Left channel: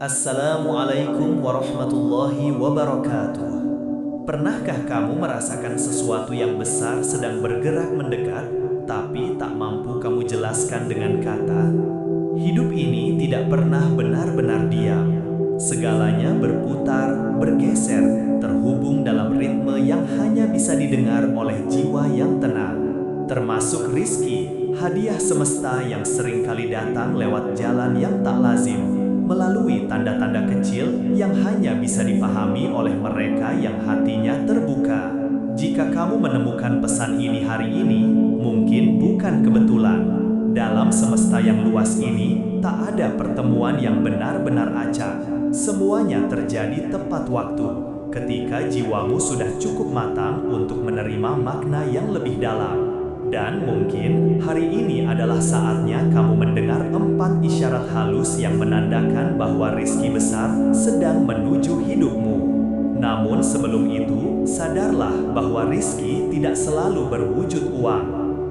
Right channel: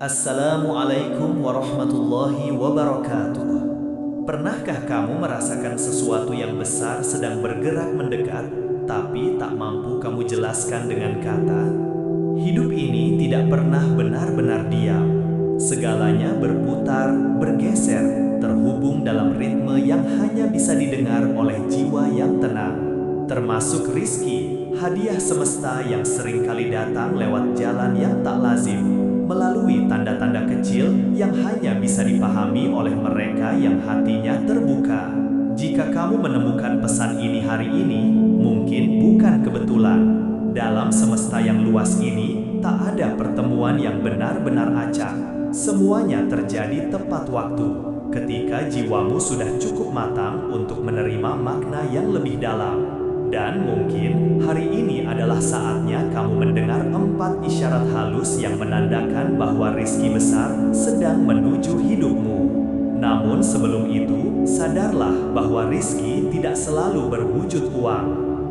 Assalamualaikum warahmatullahi wabarakatuh. Pernahkah kamu merasakan sesuatu yang besar sedang bergerak mendekat, tapi tak mampu kamu jelaskan dengan kata? Hidup ini tidak pernah benar-benar diam. Segalanya berputar, bergeser, terhubung dalam ritme yang hanya bisa didengar oleh jiwa yang tenang. Termasuk rizki, hadiah semesta yang seringkali datang lewat jalan yang tak lazim, melalui tanda-tanda kecil yang hanya bisa dipahami oleh mereka yang hatinya terbuka. Jika kamu menemukan pesan ini hari ini, mungkin bukan kebetulan. Dalam semesta yang luas ini, tak ada pertemuan yang benar-benar acak. Semuanya terjadi tepat waktu, ketika jiwamu sudah cukup matang untuk menerima makna yang lebih dalam. Dan mungkin hari ini adalah saatnya kamu mendengar 4 isyarat halus yang menandakan bahwa rizki besar sedang menuju hidupmu. Namun sebelum itu, sadarlah bahwa rizki tidak selalu berwujud uang.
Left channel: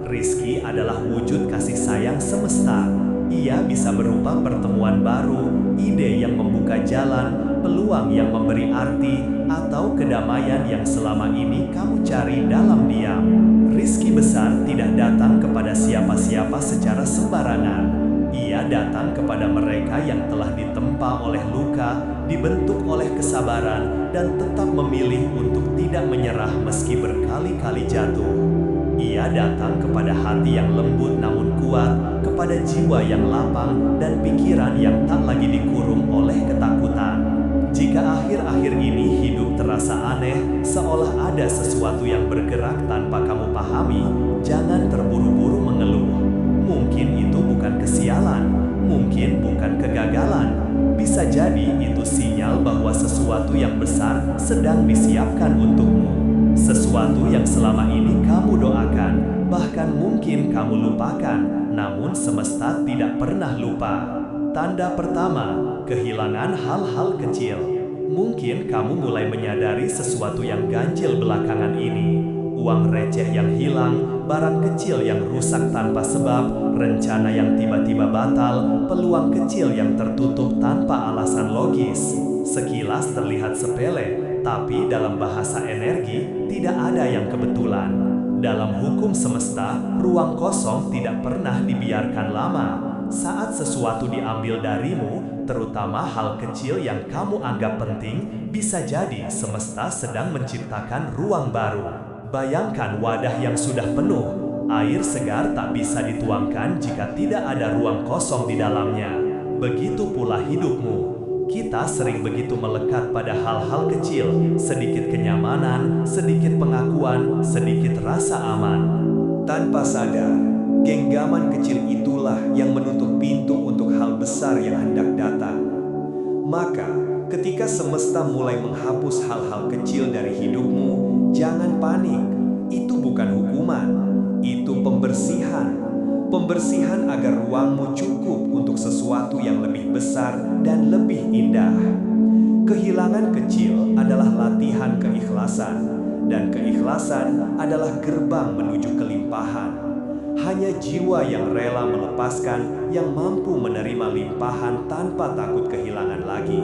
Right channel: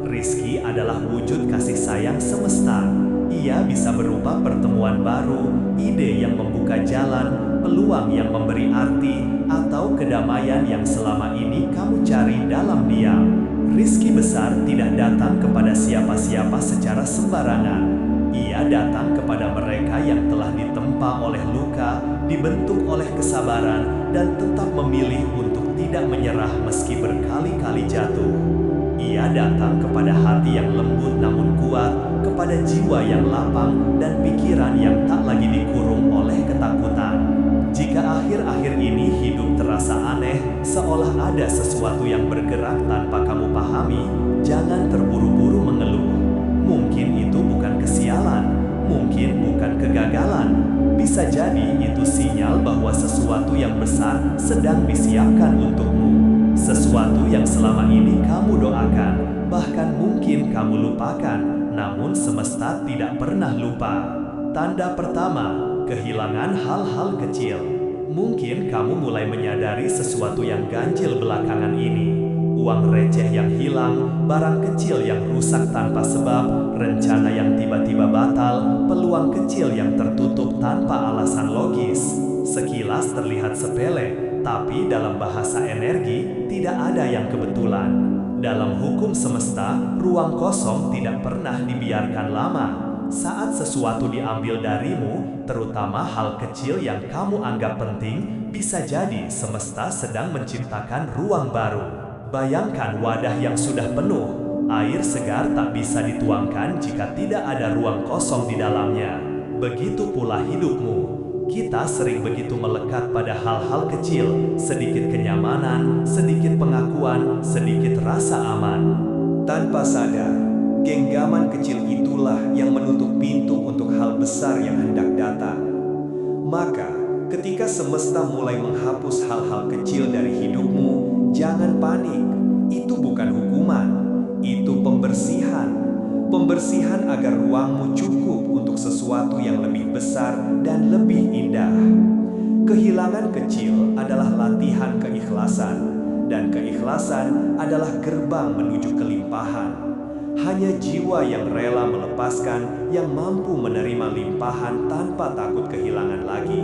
Rizki adalah wujud kasih sayang semesta. Ia bisa berupa pertemuan baru, ide yang membuka jalan, peluang yang memberi arti, atau kedamaian yang selama ini kamu cari dalam diam. Rizki besar tidak datang kepada siapa-siapa secara sembarangan. Ia datang kepada mereka yang telah ditempa oleh luka, dibentuk oleh kesabaran, dan tetap memilih untuk tidak menyerah meski berkali-kali jatuh. Ia datang kepada hati yang lembut namun kuat, kepada jiwa yang lapang, dan pikiran yang tak lagi dikurung oleh ketakutan. Jika akhir-akhir ini hidup terasa aneh, seolah ada sesuatu yang bergerak tanpa kamu pahami, jangan terburu-buru mengeluh. Mungkin itu bukan kesialan, mungkin bukan kegagalan. Bisa jadi itu sinyal bahwa sesuatu yang besar sedang disiapkan untukmu. Sesuatu yang selama ini kamu doakan, bahkan mungkin kamu lupakan, namun semesta tidak pernah lupa. Tanda pertama, kehilangan hal-hal kecil. Mungkin kamu mulai menyadari sesuatu yang ganjil belakangan ini. Uang receh yang hilang, barang kecil yang rusak tanpa sebab, rencana yang tiba-tiba batal, peluang kecil yang tertutup tanpa alasan logis. Sekilas terlihat sepele, tapi dalam bahasa energi tidak ada yang kebetulan. Dalam hukum semesta, ruang kosong tidak pernah dibiarkan lama. Saat sesuatu diambil darimu, terutama hal kecil yang kamu anggap penting, bisa jadi semesta sedang menciptakan ruang baru. Bayangkan wadah yang sudah penuh, air segar tak bisa dituangkan jika tidak ada ruang kosong di dalamnya. Begitu pula hidupmu. Kita sering begitu melekat pada hal-hal kecil, sedikit kenyamanan, sedikit pengakuan, sedikit rasa aman. Tanpa sadar, genggaman kecil itulah yang menutup pintu untuk hal besar yang hendak datang. Maka, ketika semesta mulai menghapus hal-hal kecil dari hidupmu, jangan panik. Itu bukan hukuman, itu pembersihan. Pembersihan agar ruangmu cukup untuk sesuatu yang lebih besar dan lebih indah. Kehilangan kecil adalah latihan keikhlasan, dan keikhlasan adalah gerbang menuju kelimpahan. Hanya jiwa yang rela melepaskan yang mampu menerima limpahan tanpa takut kehilangan lagi.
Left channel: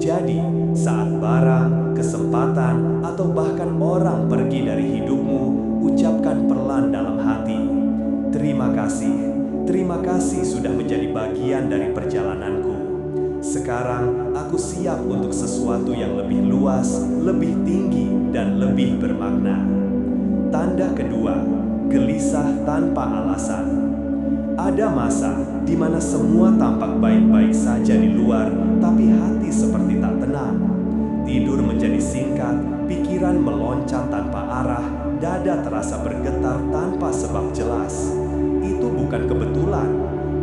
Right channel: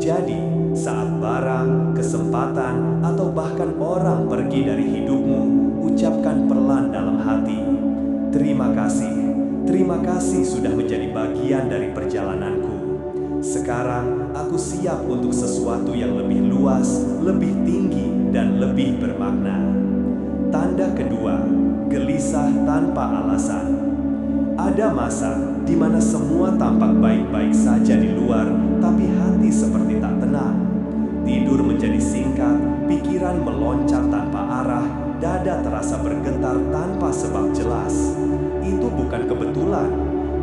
Jadi, saat barang, kesempatan, atau bahkan orang pergi dari hidupmu, ucapkan pelan dalam hati, terima kasih sudah menjadi bagian dari perjalananku. Sekarang aku siap untuk sesuatu yang lebih luas, lebih tinggi, dan lebih bermakna. Tanda kedua, gelisah tanpa alasan. Ada masa di mana semua tampak baik-baik saja di luar, tapi hati seperti tak tenang. Tidur menjadi singkat, pikiran meloncat tanpa arah, dada terasa bergetar tanpa sebab jelas. Itu bukan kebetulan.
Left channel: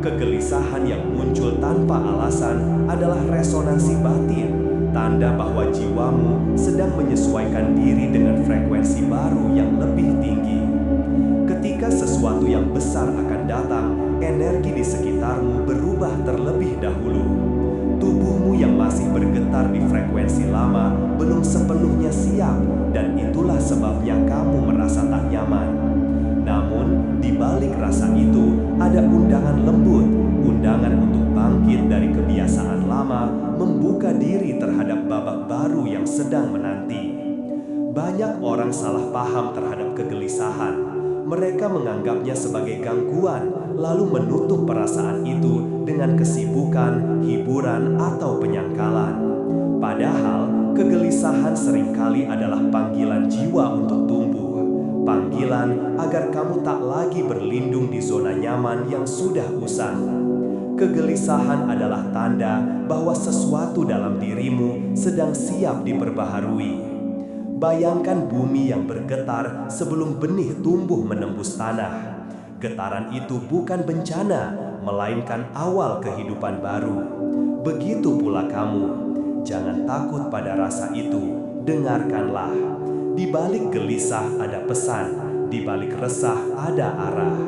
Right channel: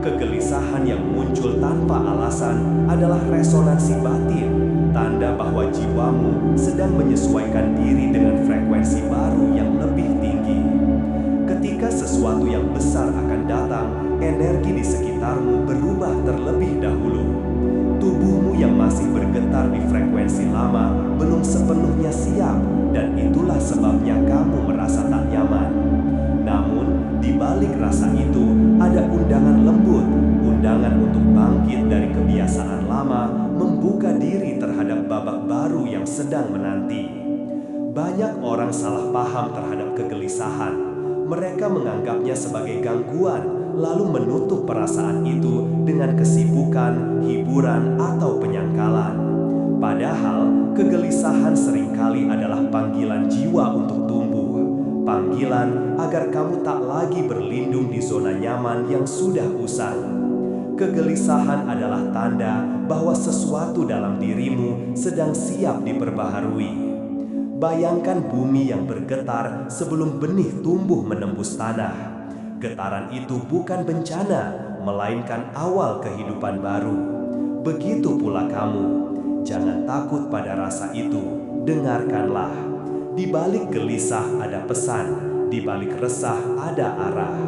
Kegelisahan yang muncul tanpa alasan adalah resonansi batin, tanda bahwa jiwamu sedang menyesuaikan diri dengan frekuensi baru yang lebih tinggi. Ketika sesuatu yang besar akan datang, energi di sekitarmu berubah terlebih dahulu. Tubuhmu yang masih bergetar di frekuensi lama belum sepenuhnya siap, dan itulah sebabnya kamu merasa tak nyaman. Namun, di balik rasa itu ada undangan lembut, undangan untuk bangkit dari kebiasaan lama, membuka diri terhadap babak baru yang sedang menanti. Banyak orang salah paham terhadap kegelisahan. Mereka menganggapnya sebagai gangguan, lalu menutup perasaan itu dengan kesibukan, hiburan, atau penyangkalan. Padahal, kegelisahan seringkali adalah panggilan jiwa untuk tumbuh. Panggilan agar kamu tak lagi berlindung di zona nyaman yang sudah usang. Kegelisahan adalah tanda bahwa sesuatu dalam dirimu sedang siap diperbaharui. Bayangkan bumi yang bergetar sebelum benih tumbuh menembus tanah. Getaran itu bukan bencana, melainkan awal kehidupan baru. Begitu pula kamu. Jangan takut pada rasa itu, dengarkanlah. Di balik gelisah ada pesan, di balik resah ada arah.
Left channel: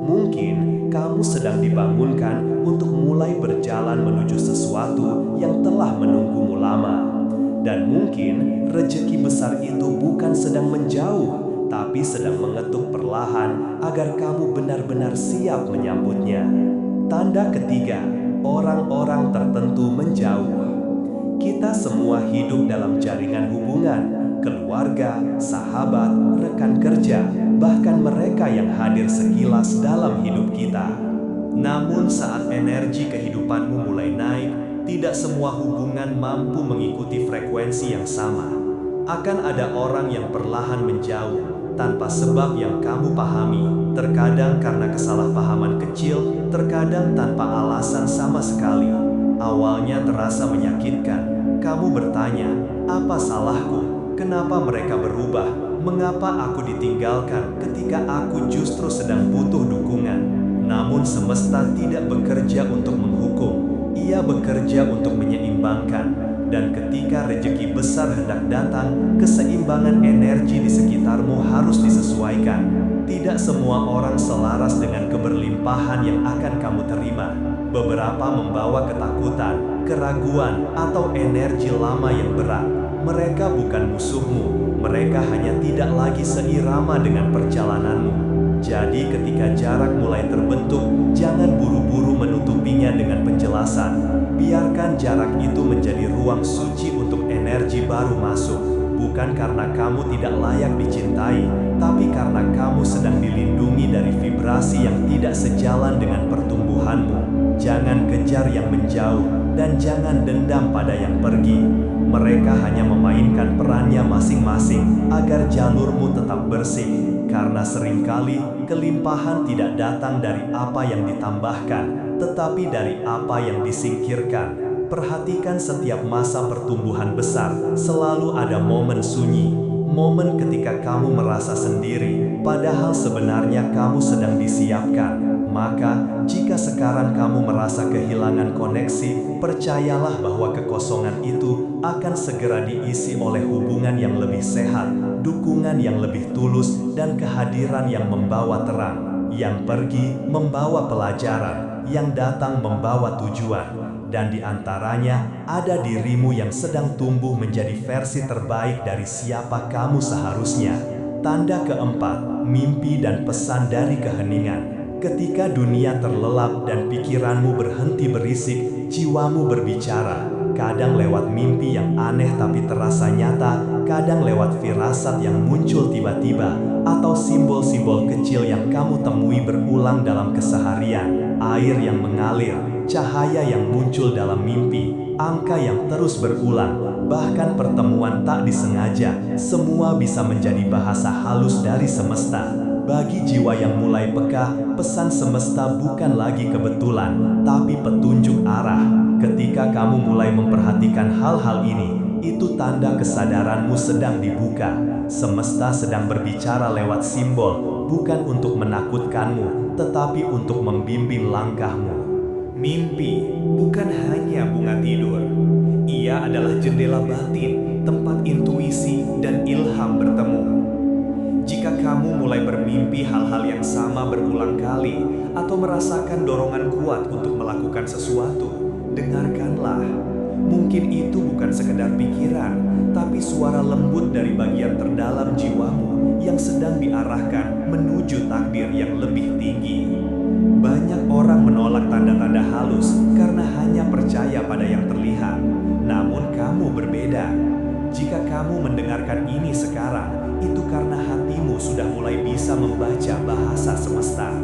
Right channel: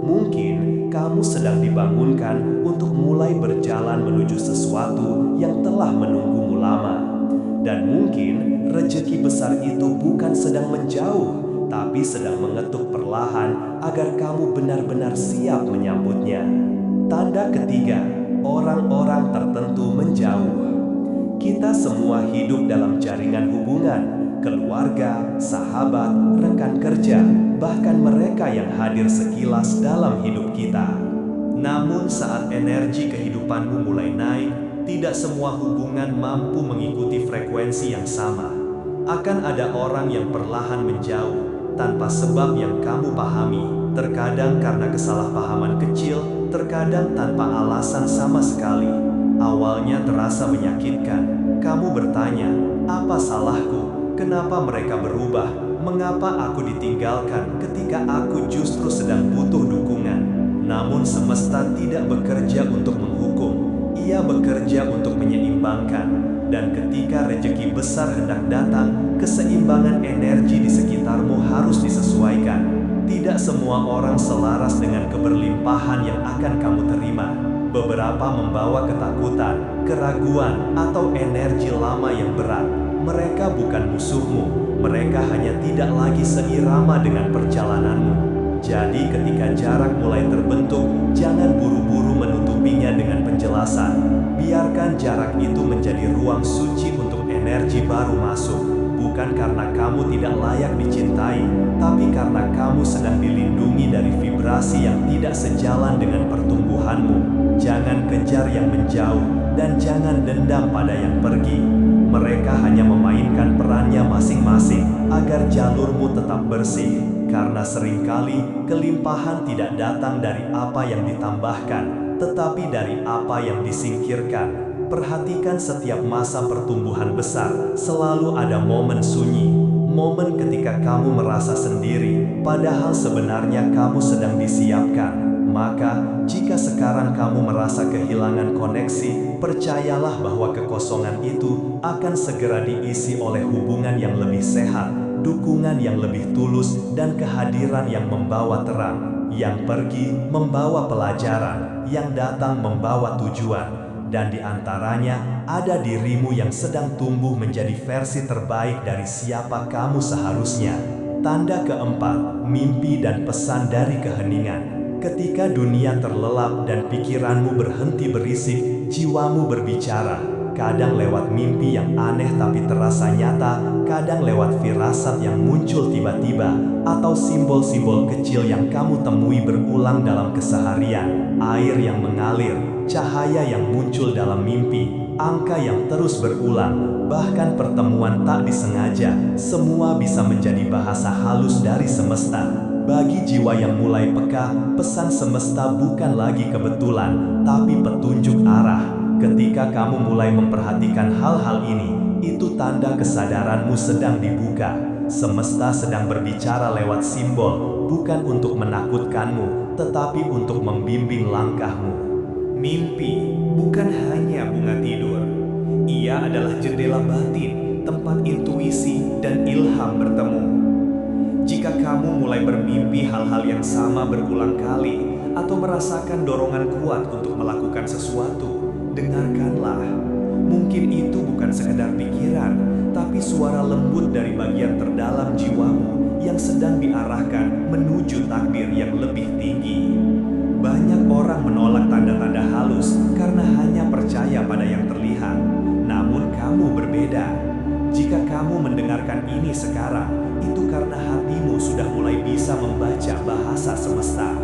Mungkin kamu sedang dibangunkan untuk mulai berjalan menuju sesuatu yang telah menunggumu lama. Dan mungkin rejeki besar itu bukan sedang menjauh, tapi sedang mengetuk perlahan agar kamu benar-benar siap menyambutnya. Tanda ketiga, orang-orang tertentu menjauh. Kita semua hidup dalam jaringan hubungan, keluarga, sahabat, rekan kerja, bahkan mereka yang hadir sekilas dalam hidup kita. Namun saat energi kehidupanmu mulai naik, tidak semua hubungan mampu mengikuti frekuensi yang sama. Akan ada orang yang perlahan menjauh tanpa sebab yang kamu pahami, terkadang karena kesalahpahaman kecil, terkadang tanpa alasan sama sekali. Awalnya terasa menyakitkan. Kamu bertanya, apa salahku? Kenapa mereka berubah? Mengapa aku ditinggalkan ketika aku justru sedang butuh dukungan? Namun semesta tidak bekerja untuk menghukum. Ia bekerja untuk menyeimbangkan, dan ketika rejeki besar hendak datang, keseimbangan energi di sekitarmu harus disesuaikan. Tidak semua orang selaras dengan keberlimpahan yang akan kamu terima. Beberapa membawa ketakutan, keraguan, atau energi lama yang berat. Mereka bukan musuhmu, mereka hanya tidak lagi seirama dengan perjalananmu. Jadi ketika jarak mulai terbentuk, jangan buru-buru menutupinya dengan penjelasan. Biarkan jarak itu menjadi ruang suci untuk energi baru masuk. Bukan karena kamu tidak layak dicintai, tapi karena kamu sedang dilindungi dari vibrasi yang tidak sejalan dengan pertumbuhanmu. Jangan kejar yang menjauh, dan jangan dendam pada yang pergi. Mereka hanya memainkan perannya masing-masing agar jalurmu tetap bersih. Karena seringkali kelimpahan tidak datang dari apa yang ditambahkan, tetapi dari apa yang disingkirkan. Perhatikan setiap masa pertumbuhan besar, selalu ada momen sunyi. Momen ketika kamu merasa sendiri, padahal sebenarnya kamu sedang disiapkan. Maka, jika sekarang kamu merasa kehilangan koneksi, percayalah bahwa kekosongan itu akan segera diisi oleh hubungan yang lebih sehat, dukungan yang lebih tulus, dan kehadiran yang membawa terang. Yang pergi membawa pelajaran, yang datang membawa tujuan. Dan di antaranya ada dirimu yang sedang tumbuh menjadi versi terbaik dari siapa kamu seharusnya. Tanda keempat, mimpi dan pesan dari keheningan. Ketika dunia terlelap dan pikiranmu berhenti berisik, jiwamu berbicara. Kadang lewat mimpi yang aneh tapi terasa nyata, kadang lewat firasat yang muncul tiba-tiba, atau simbol-simbol kecil yang kamu temui berulang dalam keseharian. Air yang mengalir, cahaya yang muncul dalam mimpi, angka yang terus berulang, bahkan pertemuan tak disengaja, semua bisa menjadi bahasa halus dari semesta. Bagi jiwa yang mulai peka, pesan semesta bukan lagi kebetulan, tapi petunjuk arah. Ketika kamu mulai memperhatikan hal-hal ini, itu tanda kesadaranmu sedang dibuka. Semesta sedang berbicara lewat simbol, bukan untuk menakutkanmu, tetapi untuk membimbing langkahmu. Mimpi bukan hanya bunga tidur. Ia adalah jendela batin, tempat intuisi dan ilham bertemu. Jika kamu mulai bermimpi hal-hal yang sama berulang kali atau merasakan dorongan kuat untuk melakukan sesuatu, dengarkanlah. Mungkin itu bukan sekedar pikiran, tapi suara lembut dari bagian terdalam jiwamu yang sedang diarahkan menuju takdir yang lebih tinggi. Banyak orang menolak tanda-tanda halus karena hanya percaya pada yang terlihat. Namun kamu berbeda. Jika kamu mendengarkan ini sekarang, itu karena hatimu sudah mulai bisa membaca bahasa semesta.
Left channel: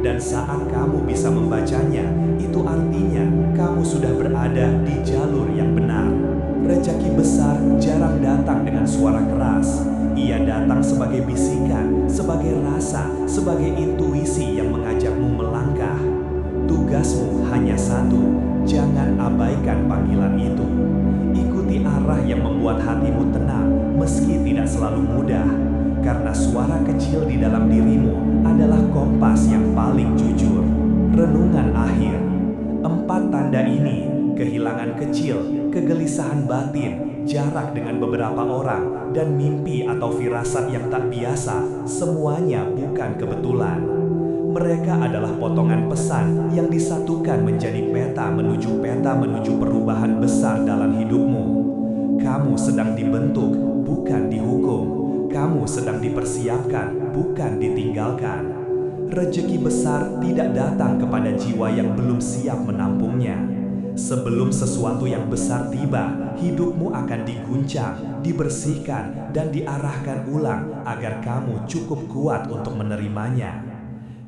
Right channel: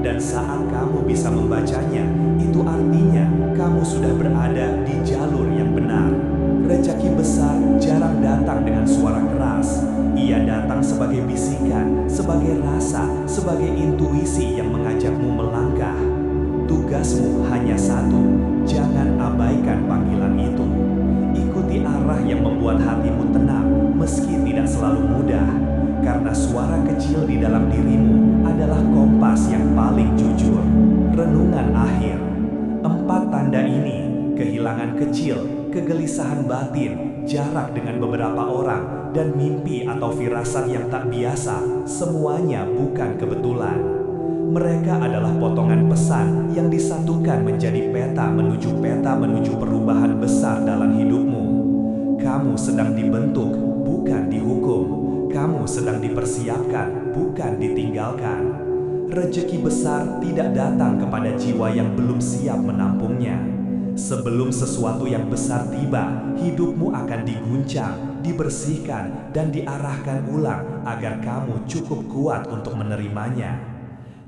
Dan saat kamu bisa membacanya, itu artinya kamu sudah berada di jalur yang benar. Rezeki besar jarang datang dengan suara keras. Ia datang sebagai bisikan, sebagai rasa, sebagai intuisi yang mengajakmu melangkah. Tugasmu hanya satu, jangan abaikan panggilan itu. Ikuti arah yang membuat hatimu tenang, meski tidak selalu mudah. Karena suara kecil di dalam dirimu adalah kompas yang paling jujur. Renungan akhir. 4 tanda ini, kehilangan kecil, kegelisahan batin, jarak dengan beberapa orang, dan mimpi atau firasat yang tak biasa, semuanya bukan kebetulan. Mereka adalah potongan pesan yang disatukan menjadi peta menuju perubahan besar dalam hidupmu. Kamu sedang dibentuk, bukan dihukum. Kamu sedang dipersiapkan, bukan ditinggalkan. Rezeki besar tidak datang kepada jiwa yang belum siap menampungnya. Sebelum sesuatu yang besar tiba, hidupmu akan diguncang, dibersihkan, dan diarahkan ulang agar kamu cukup kuat untuk menerimanya.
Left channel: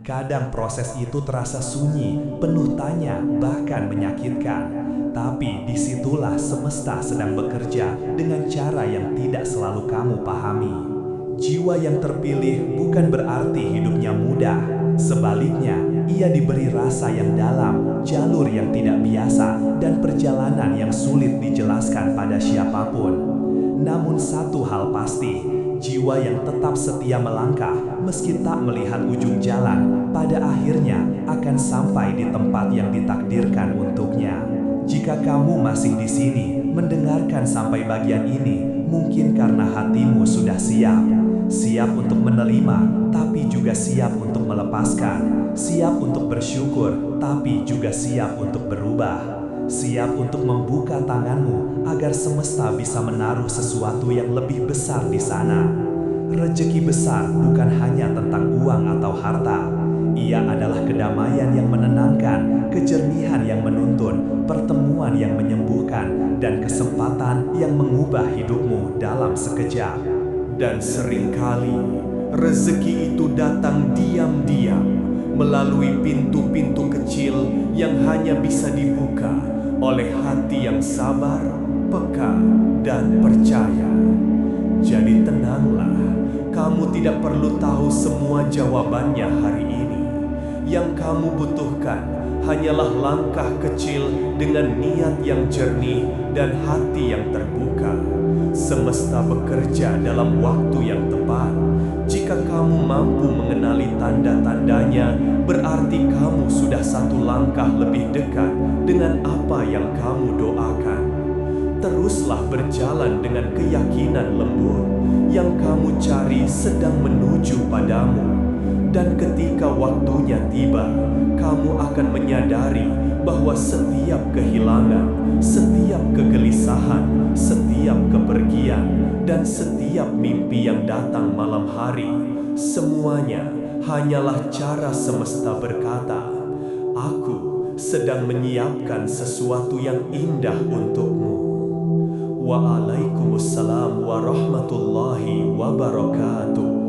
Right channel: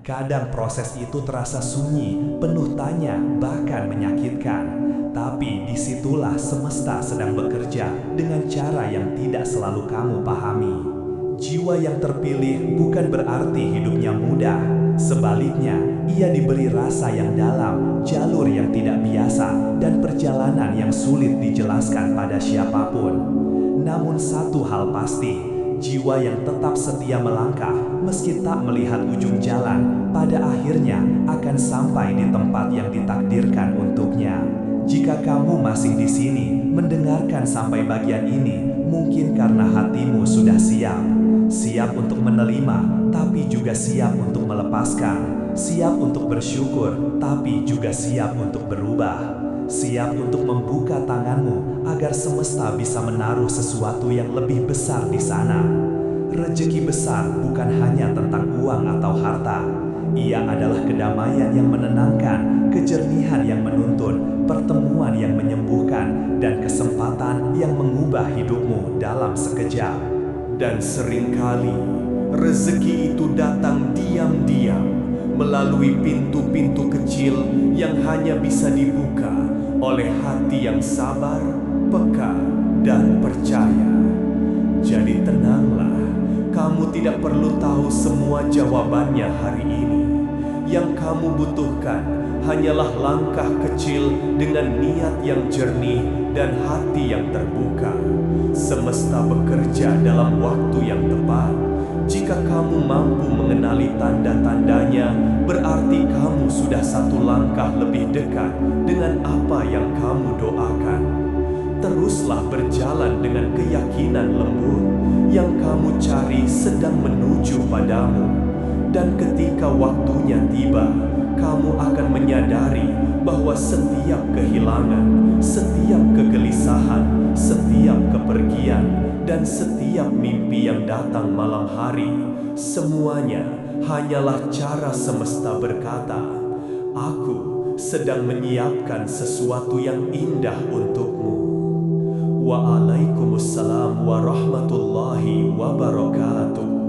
Kadang proses itu terasa sunyi, penuh tanya, bahkan menyakitkan. Tapi disitulah semesta sedang bekerja dengan cara yang tidak selalu kamu pahami. Jiwa yang terpilih bukan berarti hidupnya mudah. Sebaliknya, ia diberi rasa yang dalam, jalur yang tidak biasa, dan perjalanan yang sulit dijelaskan pada siapapun. Namun satu hal pasti, jiwa yang tetap setia melangkah meski tak melihat ujung jalan, pada akhirnya akan sampai di tempat yang ditakdirkan untuknya. Jika kamu masih di sini mendengarkan sampai bagian ini, mungkin karena hatimu sudah siap. Siap untuk menerima, tapi juga siap untuk melepaskan. Siap untuk bersyukur, tapi juga siap untuk berubah. Siap untuk membuka tanganmu agar semesta bisa menaruh sesuatu yang lebih besar di sana. Rezeki besar bukan hanya tentang uang atau harta. Ia adalah kedamaian yang menenangkan, kejernihan yang menuntun, pertemuan yang menyembuhkan, dan kesempatan yang mengubah hidupmu dalam sekejap. Dan seringkali rezeki itu datang diam-diam melalui pintu-pintu kecil yang hanya bisa dibuka oleh hati yang sabar, peka, dan percaya. Jadi tenanglah, kamu tidak perlu tahu semua jawabannya hari ini. Yang kamu butuhkan hanyalah langkah kecil dengan niat yang jernih dan hati yang terbuka. Semesta bekerja dalam waktu yang tepat. Jika kamu mampu mengenali tanda-tandanya, berarti kamu sudah satu langkah lebih dekat dengan apa yang kamu doakan. Teruslah berjalan dengan keyakinan lembut. Yang kamu cari sedang menuju padamu. Dan ketika waktunya tiba, kamu akan menyadari bahwa setiap kehilangan, setiap kegelisahan, setiap kepergian, dan setiap mimpi yang datang malam hari, semuanya hanyalah cara semesta berkata, "Aku sedang menyiapkan sesuatu yang indah untukmu." Waalaikumsalam warahmatullahi wabarakatuh.